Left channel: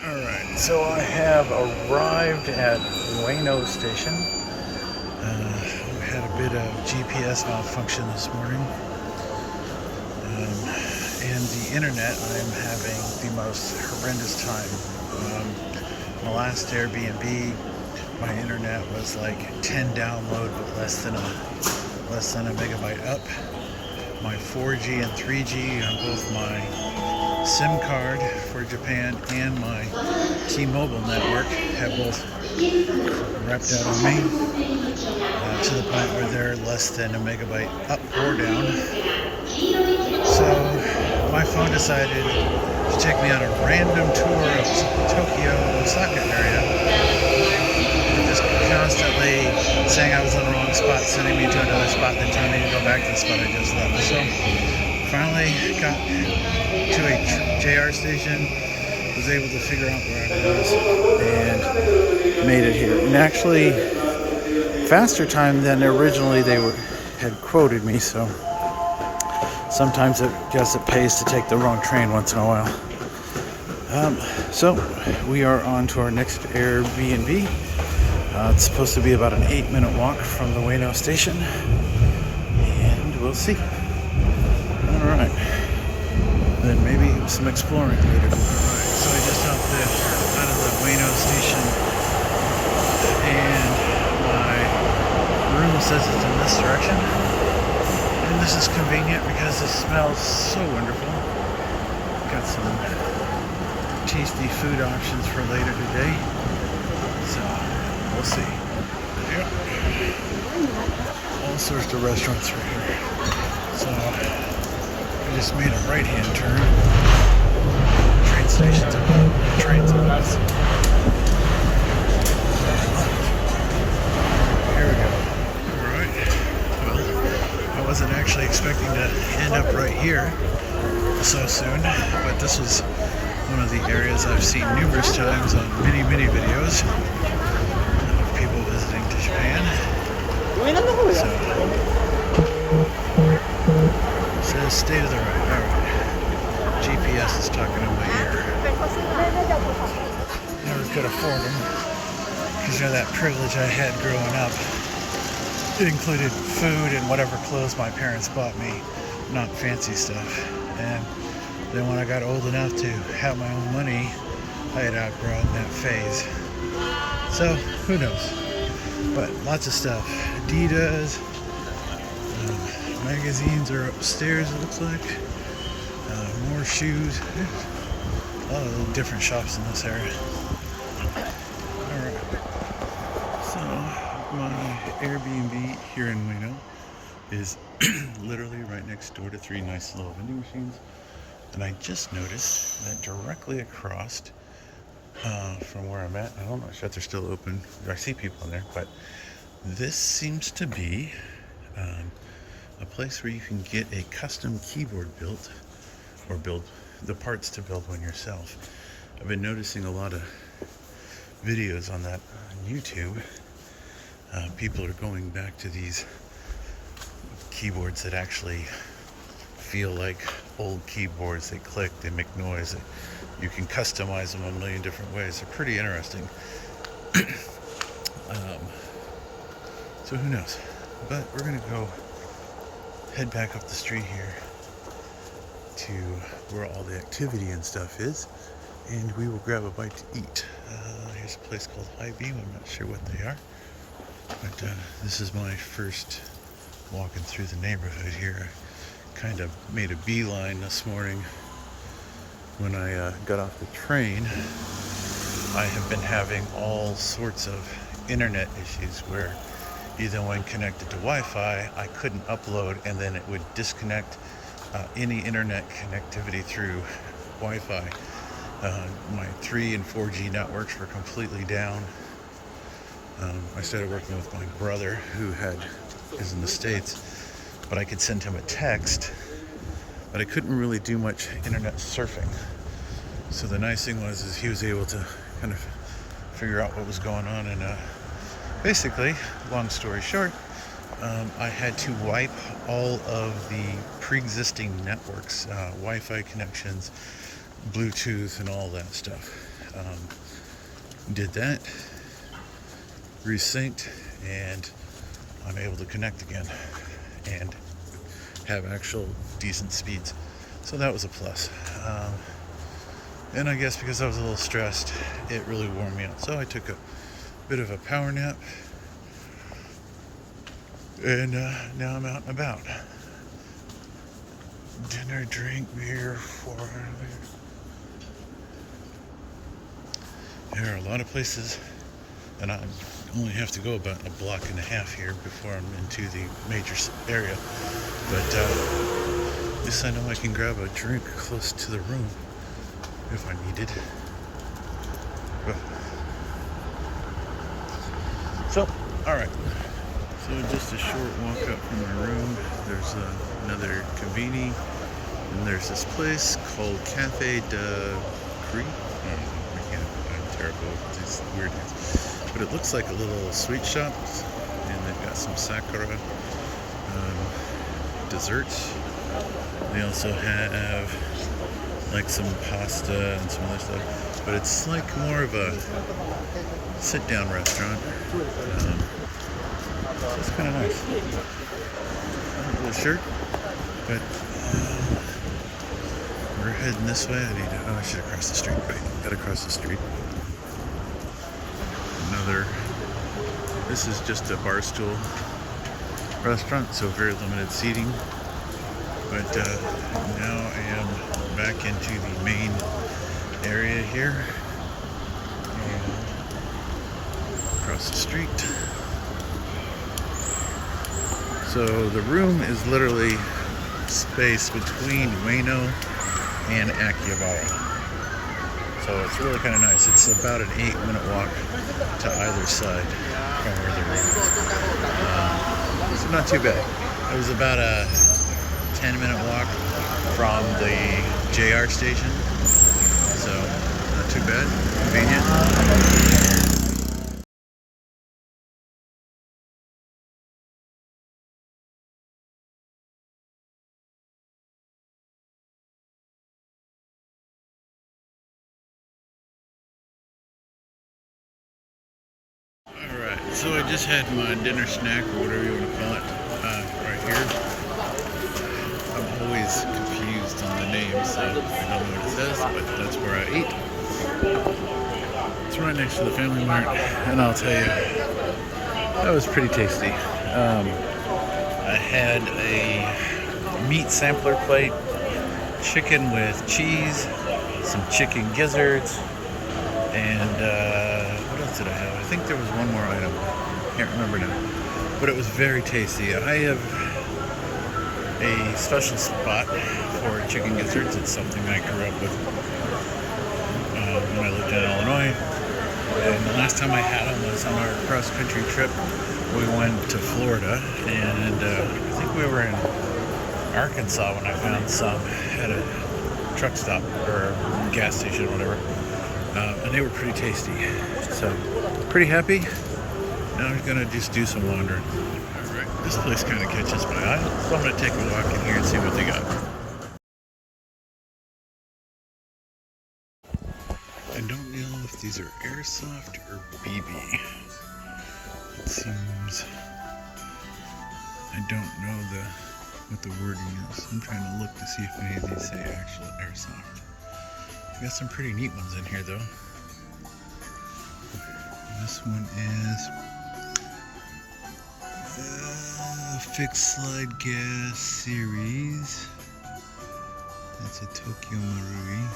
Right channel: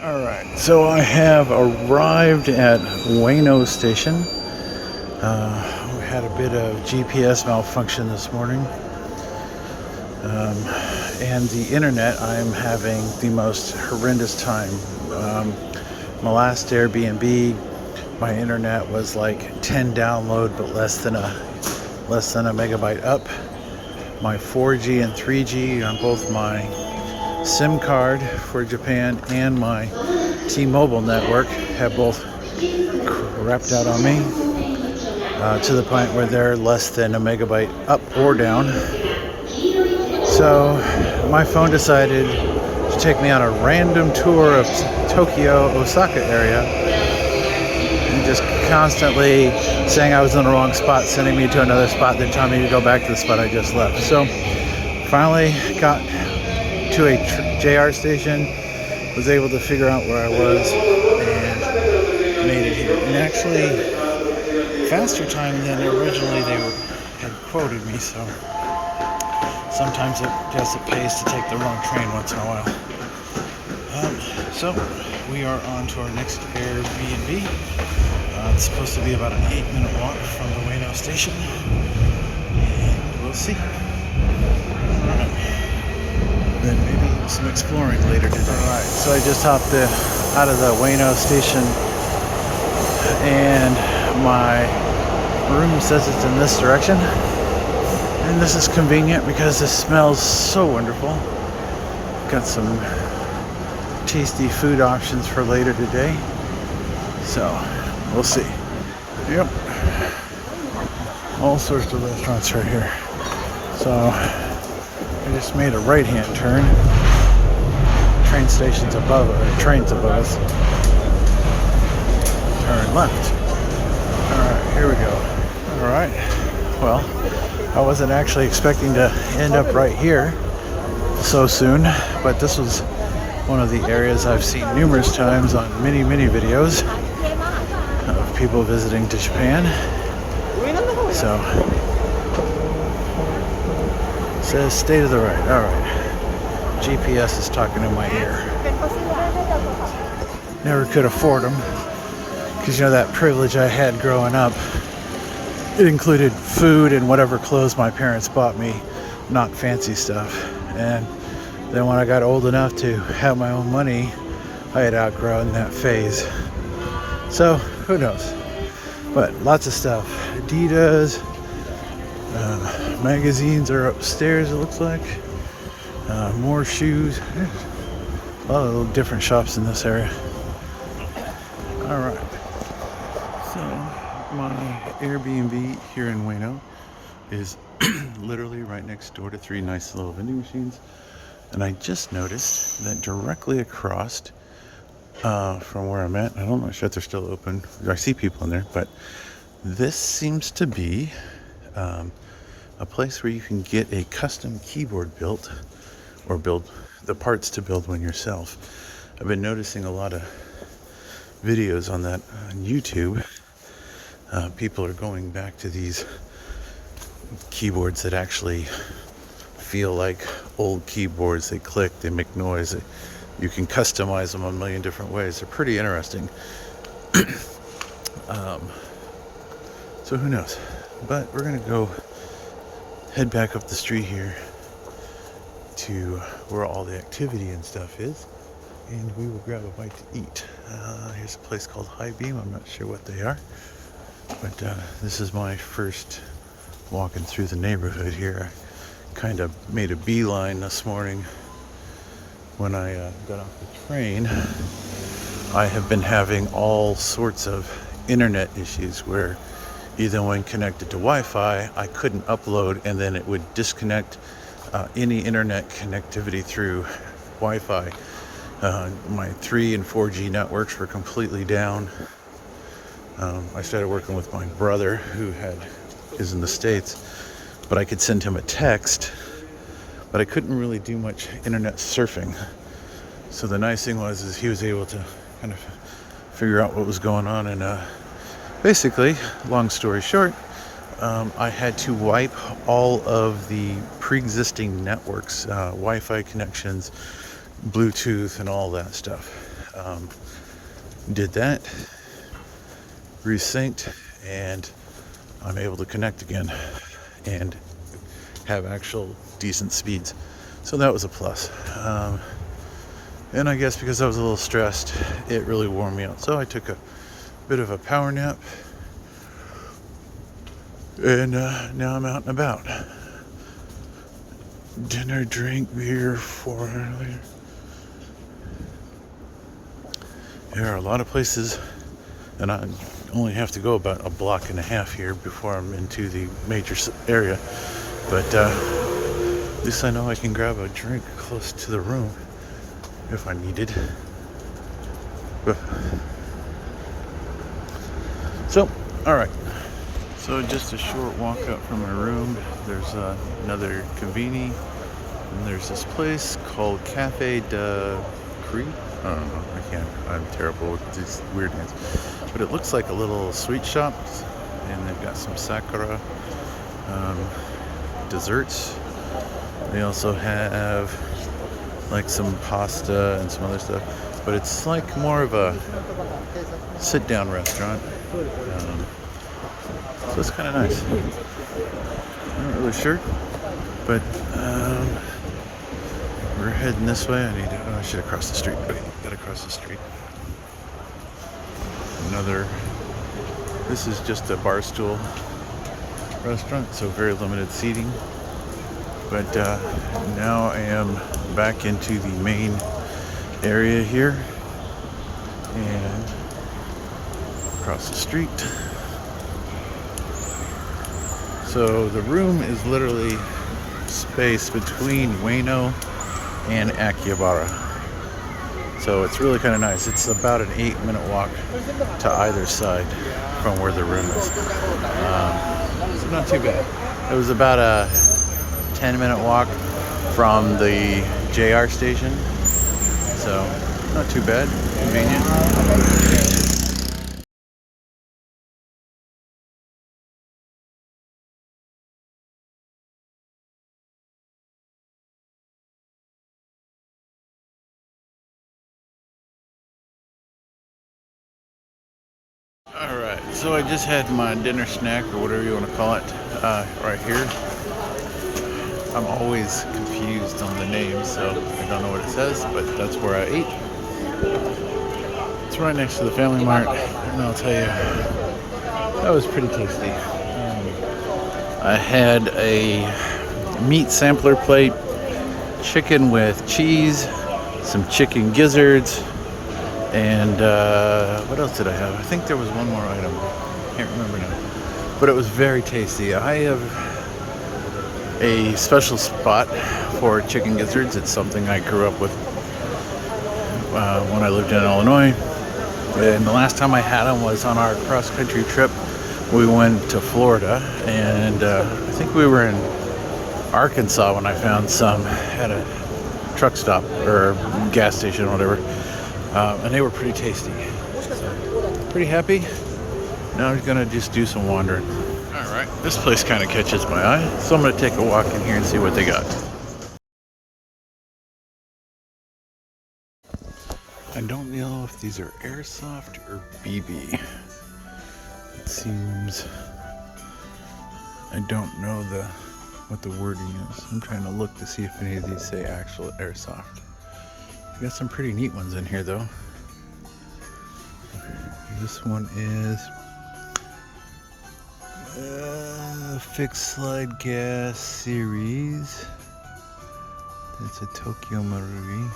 Alright, so I have arrived at Ueno station. We had a bit of GPS malfunction this morning. And the internet, I'm having the most horrendous time. My last Airbnb, my internet was like 10 download, but less than a megabyte up. My 4G and 3G on both my SIM card for Japan and my T-Mobile network have both crapped out on me to the point where they're less than a megabyte up or down. So my phone decided to take me on a random tour of Tokyo, Osaka area, and just constantly saying I was in the wrong spot, sending me to another spot, then telling me to go back to the spot I just left. So finally got to a JR station, was able to figure out where I was, and made it here. And actually, faster time than originally they had quoted me, so sometimes I guess it pays to take the wrong train once in a while. So we are on to our next Airbnb. It's supposed to be about an 8-minute walk from the Ueno station, and we'll see. Alright. Then maybe some exploring later today. Alright, so I just hopped out of the Ueno station, and my room says it's in this direction. And this is convenient because it smells so wonderful. Got some tasty food options for later today. So, we'll see. Yep. All sorts of restaurants right here. So, I just made a right-hand turn. Train station's above us. Train's above us. Turn left. Alright, here we go. Alright. Well, I wasn't actually expecting to end up right here so soon, but this was one of the areas I've seen numerous times on many videos of people visiting to Japan. So, it says stay to the right. Alright. GPS is talking in my ear. Never could afford them, because you know that privilege I had growing up. It included food and whatever clothes my parents bought me, not fancy stuff. And then when I got old enough to have my own money, I had outgrown that phase. So, who knows? But lots of stuff. Adidas, magazines are upstairs, it looks like. More shoes. A lot of little different shops in this area. Alright. So, my Airbnb here in Ueno is literally right next door to 3 nice little vending machines, and I just noticed that directly across from where I'm at, I'm not sure if they're still open, I see people in there, but this seems to be a place where you can get a custom keyboard built, or build the parts to build one yourself. I've been noticing a lot of videos on that on YouTube. People are going back to these keyboards that actually feel like old keyboards. They click, they make noise. You can customize them a million different ways. They're pretty interesting. So who knows? But we're gonna go head back up the street here to where all the activity and stuff is, and we will grab a bite to eat. Here's a place called High Beam. I'm not sure what they are. But this is my first walking through the neighborhood here. I kind of made a beeline this morning when I got off the train. I have been having all sorts of internet issues where either when connected to Wi-Fi, I couldn't upload, and then it would disconnect any internet connectivity through Wi-Fi. My 3 and 4G networks were completely down. I started working with my brother who is in the States, but I could send him a text, but I couldn't really do much internet surfing. So the nice thing was he was able to kind of figure out what was going on, and basically, long story short, I had to wipe all of the pre-existing networks, Wi-Fi connections, Bluetooth, and all that stuff. Did that, resynced, and I'm able to connect again and have actual decent speeds. So that was a plus. And I guess because I was a little stressed, it really wore me out. So I took a bit of a power nap, and now I'm out and about. Dinner, drink, beer, there are a lot of places, and I only have to go about a block and a half here before I'm into the major area. But at least I know I can grab a drink close to the room if I needed. So, alright. So just a short walk up from my room, there's another conveni, and there's this place called Cafe de Cree. I don't know, I'm terrible with these weird names. But it looks like a little sweet shop, and they've got some sakura desserts. They also have like some pasta and some other stuff, but it's like more of a sit-down restaurant. So it's kind of nice. I'm not really sure, but we're heading this way. I should have crossed the street. Wait, gotta cross the street. This is just a bar stool restaurant, so very limited seating. But now I am back into the main area here and across the street. So the room is literally spaced between Ueno and Akihabara. So it's really kind of nice. It's about an 8-minute walk to either side from where the room is. So not too bad. It was about a 10-minute walk from the JR station. So not too bad, convenient. Alright, so I just had my dinner snack, or whatever you want to call it, right here. I'm always confused on the name, so I don't know what it says, but that's where I ate. It's right next to the Family Mart, and I'll tell you, that was pretty tasty. I had a meat sampler plate, chicken with cheese, some chicken gizzards, and what else did I have? I think there was one more item. Can't remember now. But it was very tasty. I have a special spot for chicken gizzards. It's something I grew up with when I lived in Illinois. And the last time I had them was on our cross-country trip. We went to Florida, and I think we were in Arkansas when I found some at a truck stop or gas station or whatever. And they were pretty tasty. So, pretty happy. Now I'm gonna just do some wandering. Alright, this place kind of catches my eye, so I'm gonna take a walk in here and see what they got. I don't know if these are airsoft or BB. It seems, I don't know what the wording is. I'm trying to look to see if any of these say actual airsoft. We got some pretty neat ones in here though. This one is fixed slide gas series. That's a Tokyo Marui.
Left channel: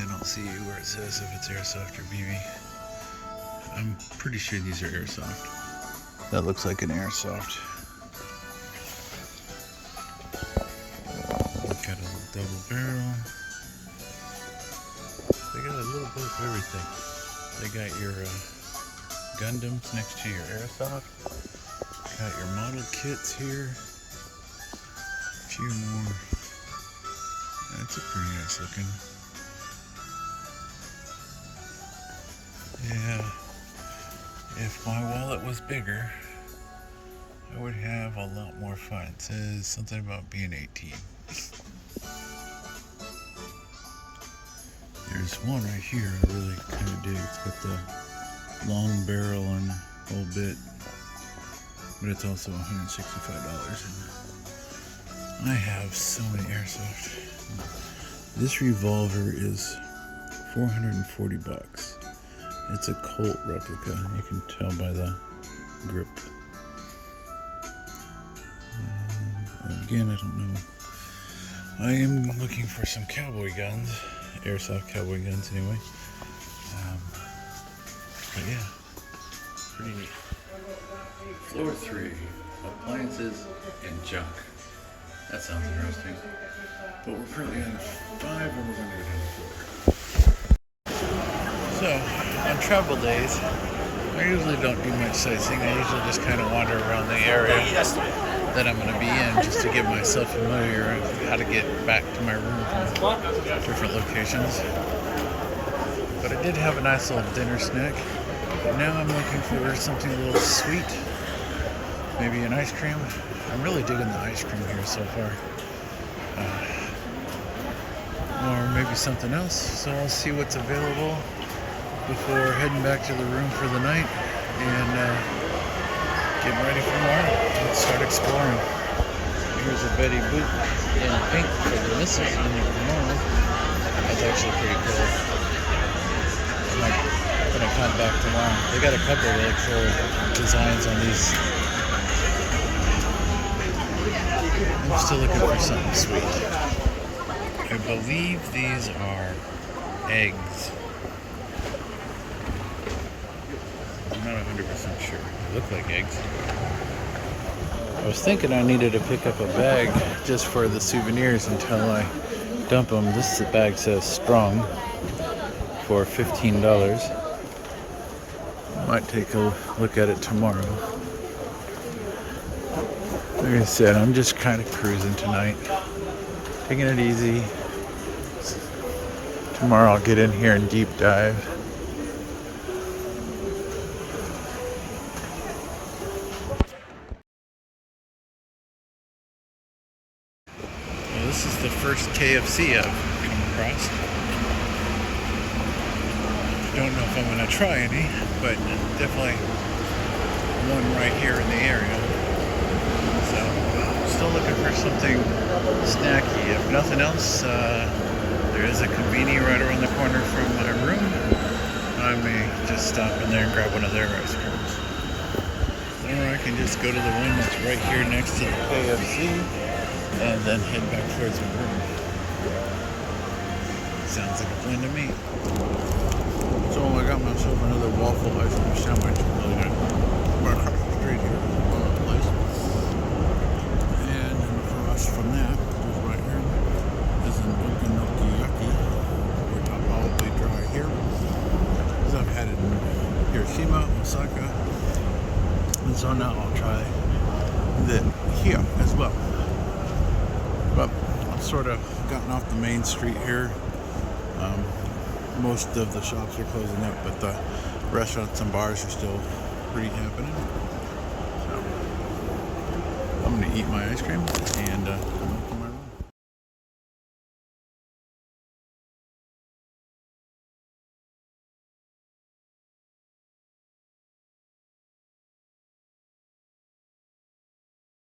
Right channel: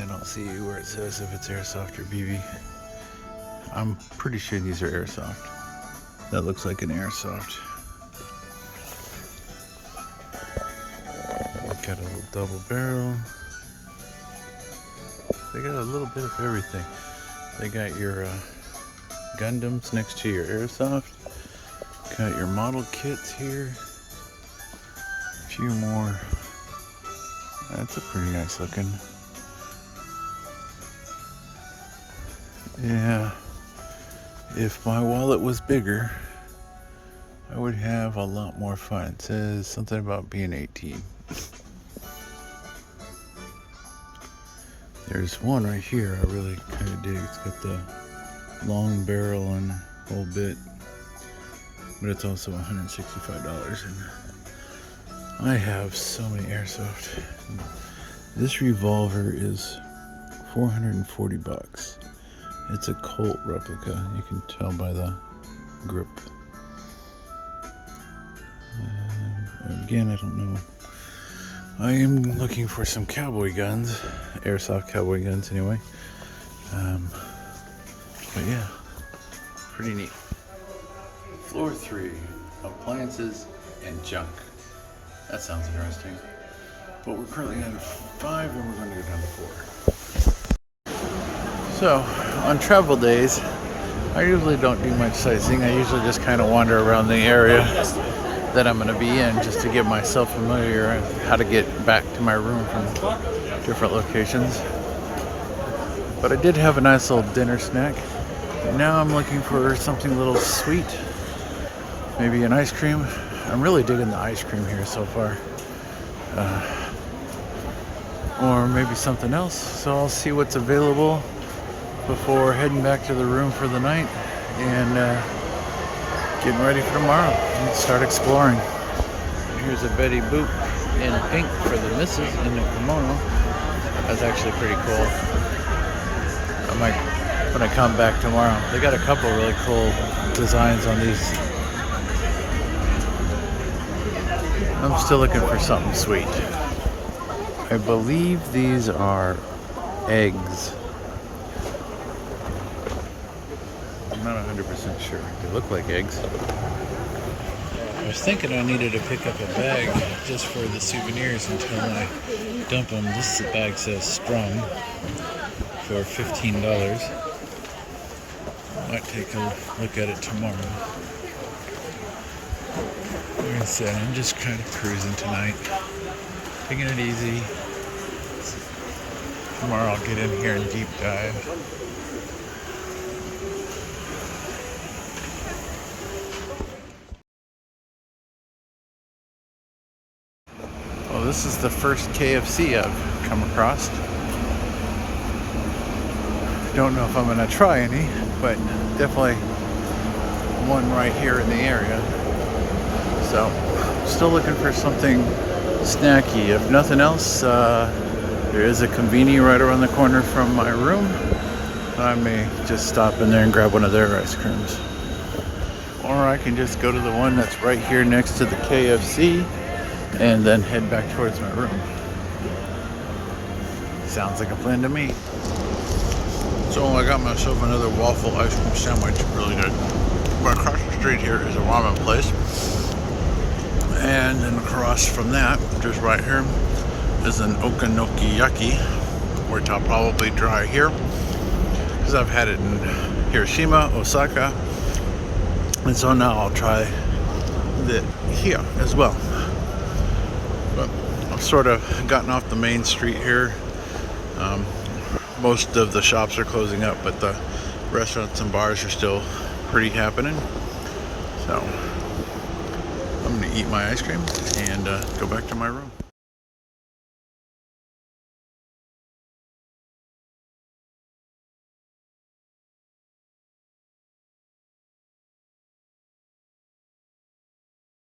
I don't see where it says if it's airsoft or BB. I'm pretty sure these are airsoft. That looks like an airsoft. We've got a little double barrel. They got a little bit of everything. They got your Gundams next to your airsoft. Got your model kits here. A few more. That's a pretty nice looking. Yeah. If my wallet was bigger, I would have a lot more fun. It says something about being 18. There's one right here I really kind of dig. It's got the long barrel and whole bit, but it's also $165. And I have so many airsoft. This revolver is $440. It's a Colt replica. You can tell by the grip. Again, I don't know. I'm looking for some cowboy guns, airsoft cowboy guns anyway. But yeah, pretty neat. Floor 3, appliances and junk. That sounds interesting. But we're currently on 5 and we're going to go down to 4. So, on travel days, I usually don't do much sightseeing. I usually just kind of wander around the area that I'm going to be in just to get myself familiar with how to get back to my room from different locations. But I did have a nice little dinner snack. And now I'm looking for something a little sweet. Maybe an ice cream. I'm really digging the ice cream here so far. Or maybe something else. So I'll see what's available before heading back to the room for the night and getting ready for tomorrow. Let's start exploring. Here's a Betty Boop in pink for the missus in the kimono. That's actually pretty cool. I might, when I come back tomorrow. They got a couple really cool designs on these. I'm still looking for something sweet. I believe these are eggs. I'm not 100% sure. They look like eggs. I was thinking I needed to pick up a bag just for the souvenirs until I dump them. This bag says strong for $15. Might take a look at it tomorrow. Like I said, I'm just kind of cruising tonight. Taking it easy. Tomorrow I'll get in here and deep dive. Well, this is the first KFC I've come across. Don't know if I'm gonna try any, but definitely one right here in the area. So, still looking for something snacky. If nothing else, there is a conveni right around the corner from my room. I may just stop in there and grab one of their ice creams. Or I can just go to the one that's right here next to the KFC and then head back towards my room. Sounds like a plan to me. So I got myself another waffle ice cream sandwich, really good. But across the street here is a ramen place. And then across from that, just right here, is an okonomiyaki, which I'll probably try here. Because I've had it in Hiroshima, Osaka. And so now I'll try it here as well. But I've sort of gotten off the main street here. Most of the shops are closing up, but the restaurants and bars are still pretty happening. So I'm gonna eat my ice cream and go back to my room.